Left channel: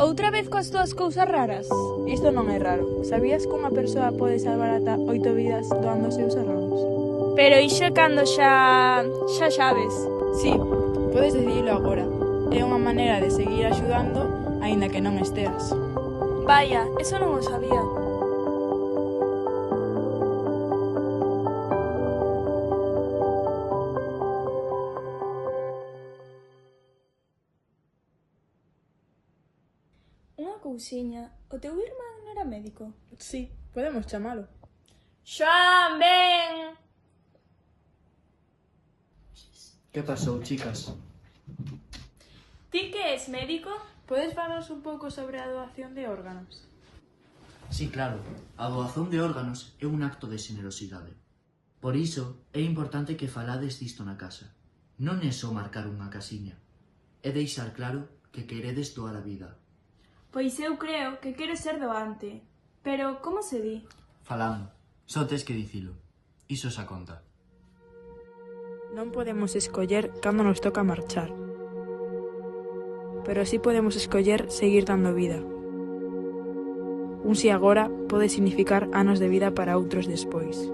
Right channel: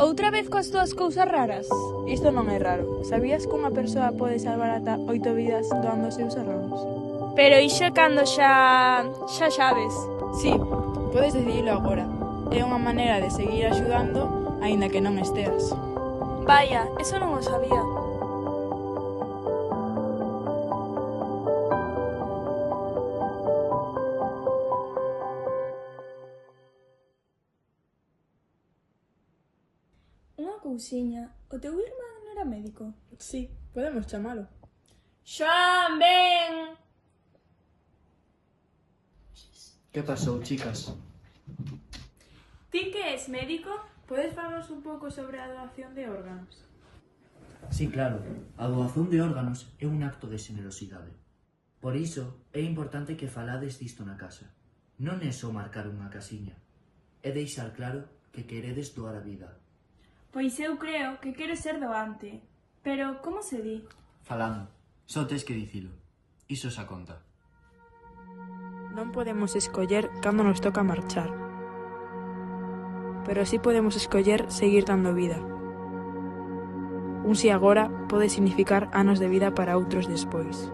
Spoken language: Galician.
Outra vez coas túas cousas raras? Isto non é raro. Sabías que unha persoa pode salvar ata 8 vidas doando os seus órganos? Pero iso é cando xa sabes. Sí, podes decidilo agora. É unha maneira de seguir axudando, aínda que non esteas. Vaya, eso non o sabía. Unha cousiña, o teu irmán non era médico? Sí, podemos chamalo. Xoan, ven! Que pasou, chicas? Ti que és médico? Podes falarnos un pouco sobre a doación de órganos? Sí, claro, a doazón de órganos é un acto de xenerosidade. Por iso é importante que falades disto na casa. Non é só marcar unha casiña, é deixar claro que queredes doar a vida. Pois eu creo que quero ser doante. Pero como se di? Falando, só tes que dicilo. Iso xa conta. Non podemos escoller cando nos toca marchar. Pero sí podemos escoller seguir dando vida. Un si agora pode significar anos de vida para outros despois.